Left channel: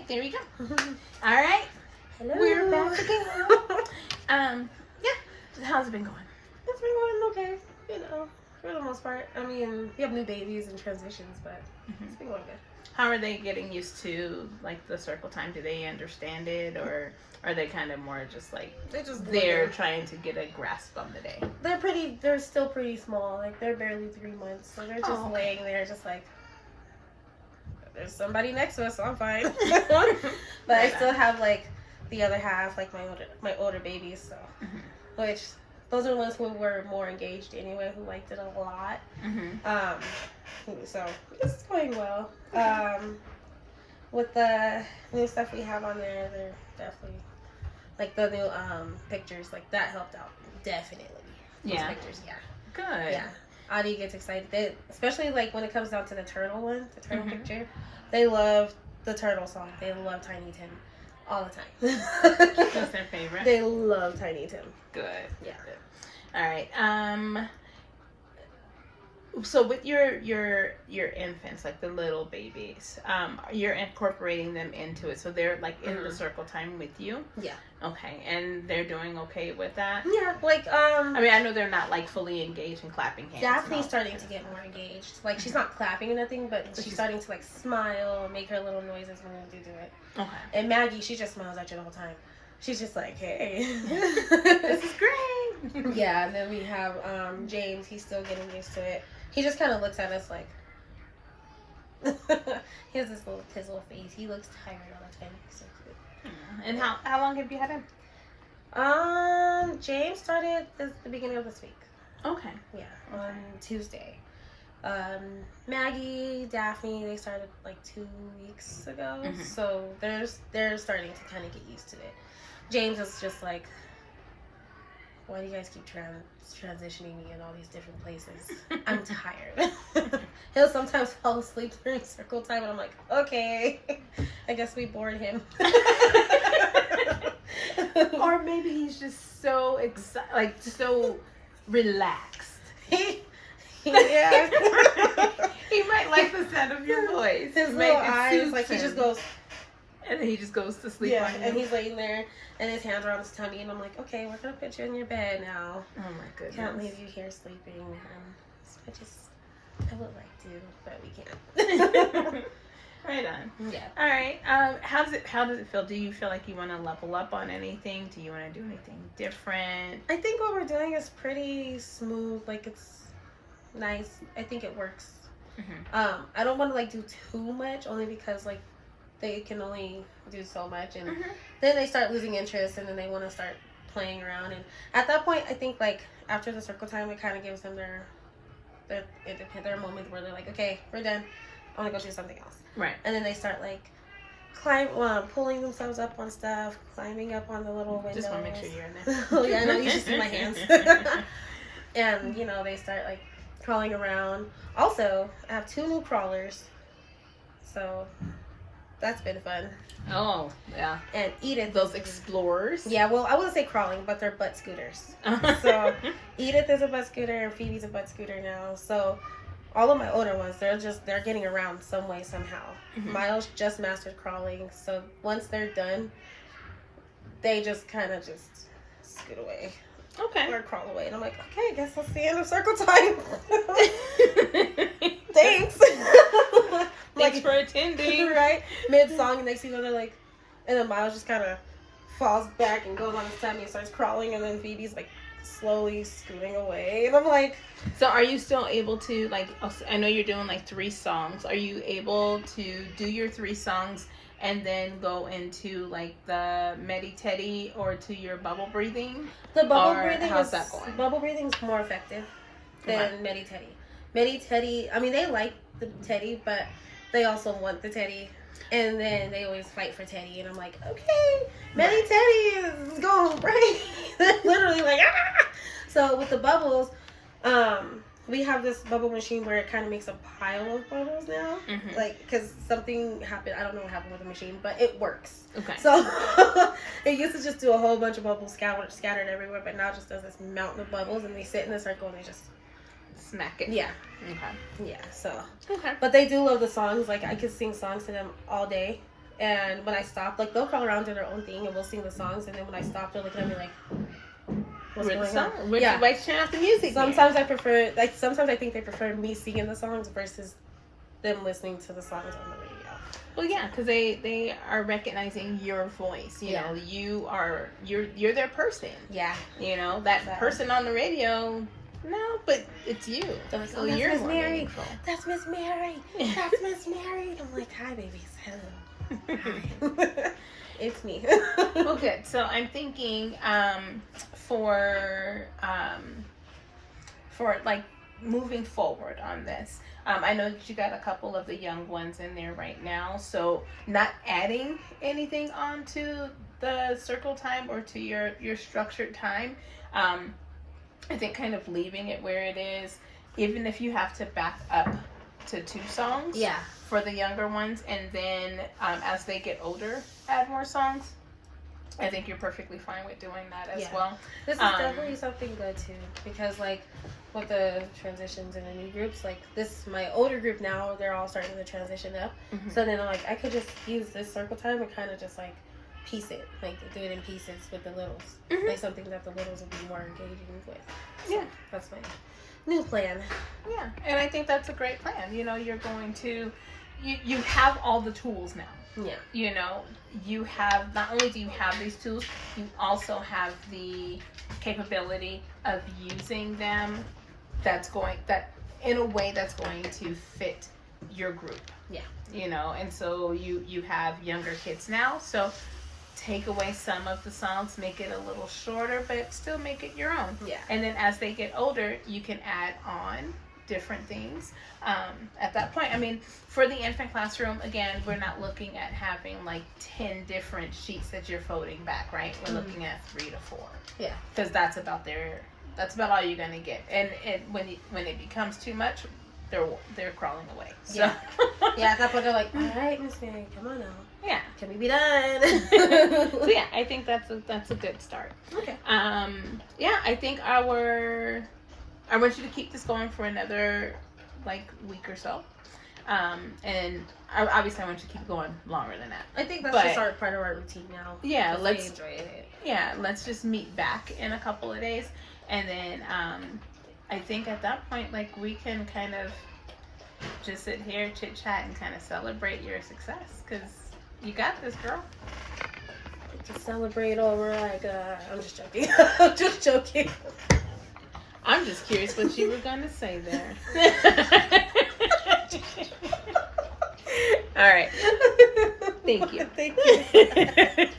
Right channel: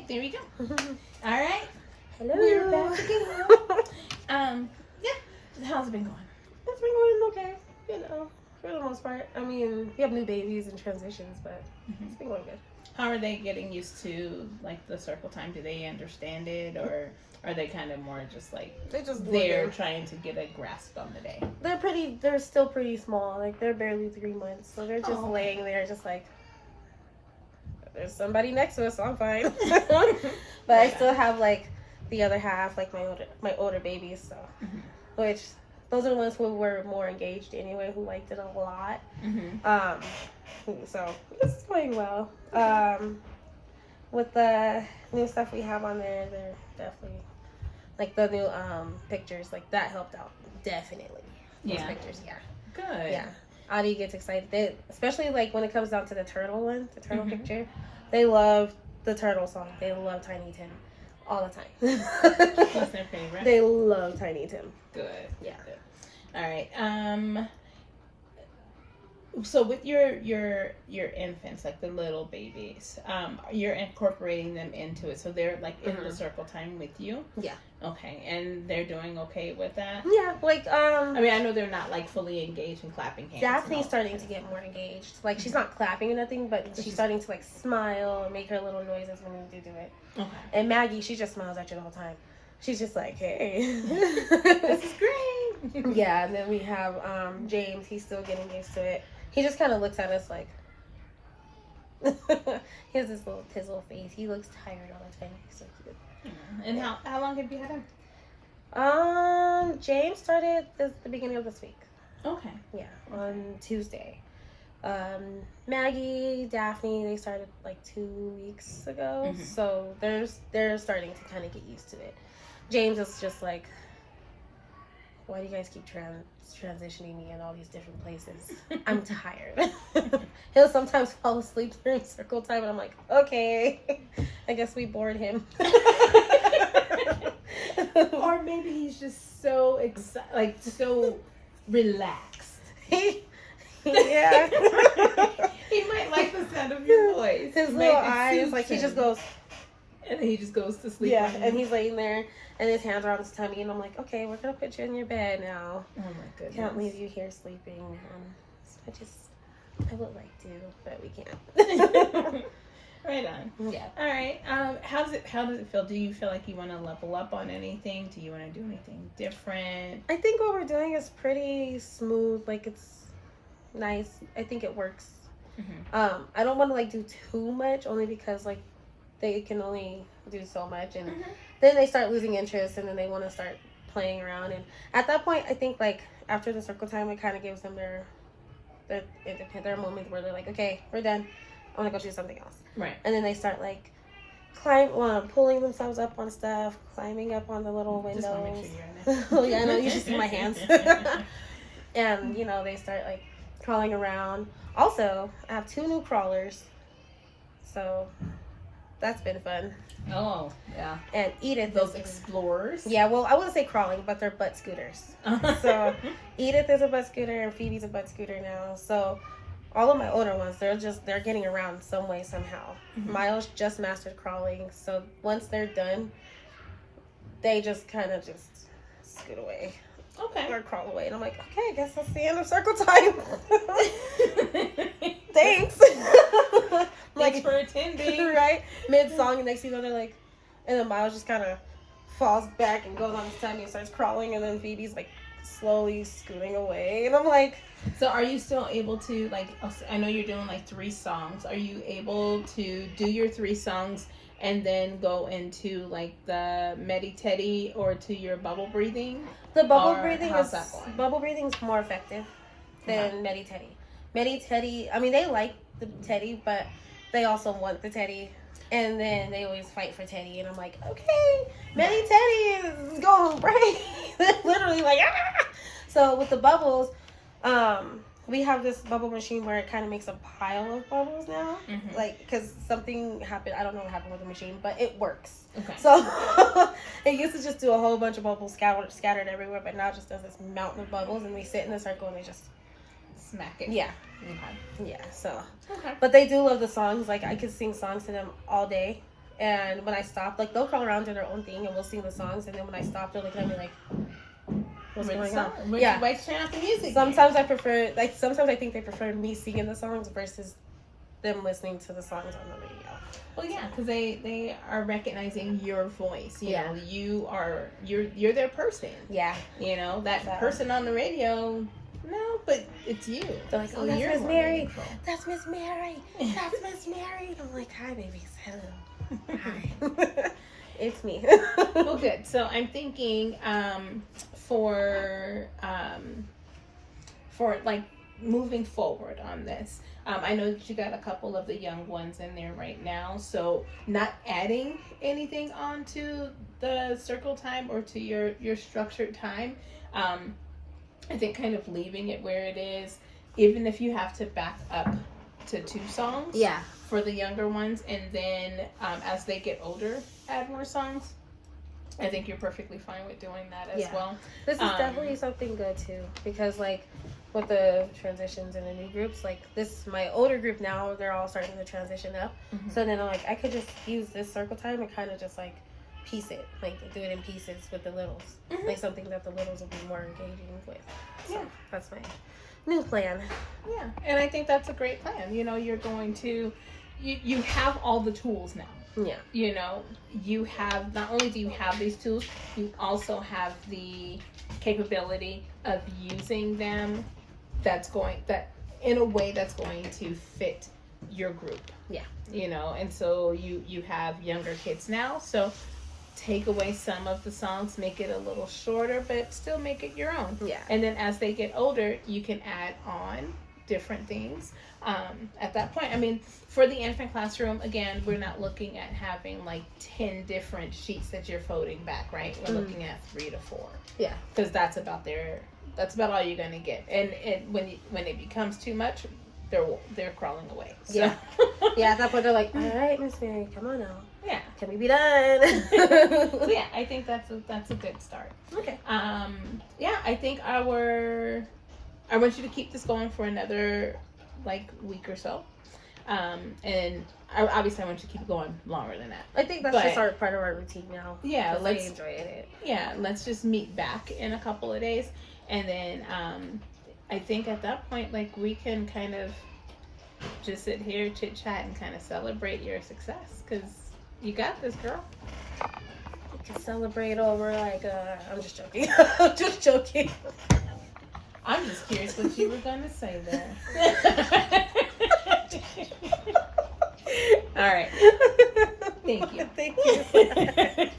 Okay, there we go. All right. Hello. We're back again. Yeah. So how's it been going? It's been going okay, you know, for the most part. I mean, we have new babies and transitions, but it's been going good. How are they getting used to like the circle time? Do they understand it, or are they kind of more just like they're trying to get a grasp on the day? They're still pretty small. Like they're barely 3 months, so they're just laying there, just like there's somebody next to us, so I'm fine. But I still have like the other half, like my older babies, so which those are the ones who were more engaged anyway, who liked it a lot. So it's going well. With the new stuff we have on there, they're definitely like the new pictures, like that helped out definitely. Yeah. Those pictures, yeah. Good. Yeah. Audie gets excited, especially like when it comes down to the turtle one, the turtle picture. They love the turtle song. They love Tiny Tim all the time. That's their favorite. They love Tiny Tim. Good. Yeah. Good. All right. So with your infants, like the little babies, you're incorporating them into it, so they're like in the circle time with you. Yeah. Okay, and they're doing okay with that. Yeah, like I mean, I know they're not like fully engaged and clapping hands. Daphne's starting to get more engaged. Like she's not clapping or nothing, but she's starting to like smile, make her little noises when you do it. Okay. And Maggie, she just smiles at you the whole time. She's just like, hey. This is great. Yeah, and then we have James. He's still getting used to it. He just kind of looks at us like. He has his little face. He looks tired all the time. So cute. And how long have you had him? James started the beginning of this week. Okay. Yeah, on Tuesday. Maggie, Daphne, they started like 2 weeks ago. So they're starting to kind of get used to it. James is just like, why do you guys keep transitioning me in all these different places? I'm tired. He'll sometimes fall asleep during circle time, and I'm like, okay, I guess we bored him. Or maybe he's just so excited, like so relaxed. Yeah. He might like the sound of your voice. His little eyes, like he just goes. And then he just goes to sleep. Yeah, and he's laying there, and his hands are on his tummy, and I'm like, okay, we're gonna put you in your bed now. Oh my goodness. Can't leave you here sleeping. I would like to, but we can't. Right on. Yeah. All right. How does it feel? Do you feel like you want to level up on anything? Do you want to do anything different? I think what we're doing is pretty smooth. Like it's nice. I think it works. I don't want to like do too much, only because like they can only do so much, and then they start losing interest, and then they want to start playing around. And at that point, I think like after the circle time, it kind of gives them their moment where they're like, okay, we're done. I want to go do something else. Right. And then they start like pulling themselves up on stuff, climbing up on the little windows. Just want to make sure you're in there. Oh yeah, I know. You should see my hands. And you know, they start like crawling around. Also, I have 2 new crawlers, so that's been fun. Oh yeah. And Edith, those explorers. Yeah, well, I wouldn't say crawling, but they're butt scooters. So Edith is a butt scooter, and Phoebe's a butt scooter now. So all of my older ones, they're getting around some way somehow. Miles just mastered crawling, so once they're done, they just kind of just scoot away. Okay. Or crawl away, and I'm like, okay, I guess that's the end of circle time. Thanks. Thanks for attending. Right? Mid-song, next thing you know, they're like, and then Miles just kind of falls back and goes on his tummy and starts crawling, and then Phoebe's like slowly scooting away, and I'm like. So are you still able to, like, I know you're doing like 3 songs. Are you able to do your 3 songs and then go into like the Medi-Teddy or to your bubble breathing? The bubble breathing is more effective than Medi-Teddy. Medi-Teddy, I mean, they like the Teddy, but they also want the Teddy. And then they always fight for Teddy, and I'm like, okay, Medi-Teddy is going right. Literally like, ah! So with the bubbles, we have this bubble machine where it kind of makes a pile of bubbles now. Like, because something happened. I don't know what happened with the machine, but it works. Okay. So it used to just do a whole bunch of bubbles scattered everywhere, but now it just does this mountain of bubbles, and they sit in a circle and they just smack it. Yeah. Okay. Yeah. So. Okay. But they do love the songs. Like I could sing songs to them all day, And when I stop, like they'll crawl around to their own thing and we'll sing the songs. And then when I stop, they'll look at me like, "What's going on?" Yeah. Like turn off the music. Sometimes I prefer, like sometimes I think they prefer me singing the songs versus them listening to the songs on the radio. Well, yeah, because they are recognizing your voice. You Yeah. know, you're their person. Yeah. You know, that person on the radio. No, but it's you. So it's, So "Oh, that's you're Miss more Mary. meaningful. That's Miss Mary. That's Miss Mary." I'm like, "Hi, baby. Hello. Hi. It's me." Well, good. So I'm thinking for like moving forward on this. I know that you got a couple of the young ones in there right now, so not adding anything onto the circle time or to your structured time. I think kind of leaving it where it is, even if you have to back up to 2 songs. Yeah. For the younger ones, and then as they get older, add more songs. I think you're perfectly fine with doing that as well. This is definitely something good too, because like with the transitions in the new groups, like this, my older group now, they're all starting to transition up. Mhm. So then like I could just use this circle time and kind of just like piece it, like do it in pieces with the littles, Mhm. like something that the littles would be more engaging with. Yeah. That's my new plan. Yeah, and I think that's a great plan. You know, you're going to, you have all the tools now. Yeah. You know, you have, not only do you have these tools, you also have the capability of using them that in a way that's going to fit your group. Yeah. You know, and so you have younger kids now, so take away some of the songs, make it a little shorter, but still make it your own. Yeah. And then as they get older, you can add on different things at that point. I mean, for the infant classroom, again, we're not looking at having like 10 different sheets that you're folding back, right? We're looking at 3 to 4. Yeah. Because that's about all you're gonna get. And when it becomes too much, they're crawling away. So. Yeah. Yeah, at that point they're like, "All right, Miss Mary, come on now. Yeah. Can we be done?" So yeah, I think that's a good start. Okay. Yeah, I think I want you to keep this going for another like week or so. And obviously I want you to keep going longer than that. I think that's just part of our routine now. Yeah, I enjoy it. Yeah, let's just meet back in a couple of days, and then I think at that point, like, we can kind of just sit here, chit chat, and kind of celebrate your success, because you got this, girl. We can celebrate over like I'm just joking. I'm just joking. I'm just curious what you were gonna say there. All right. Thank you. Thank you.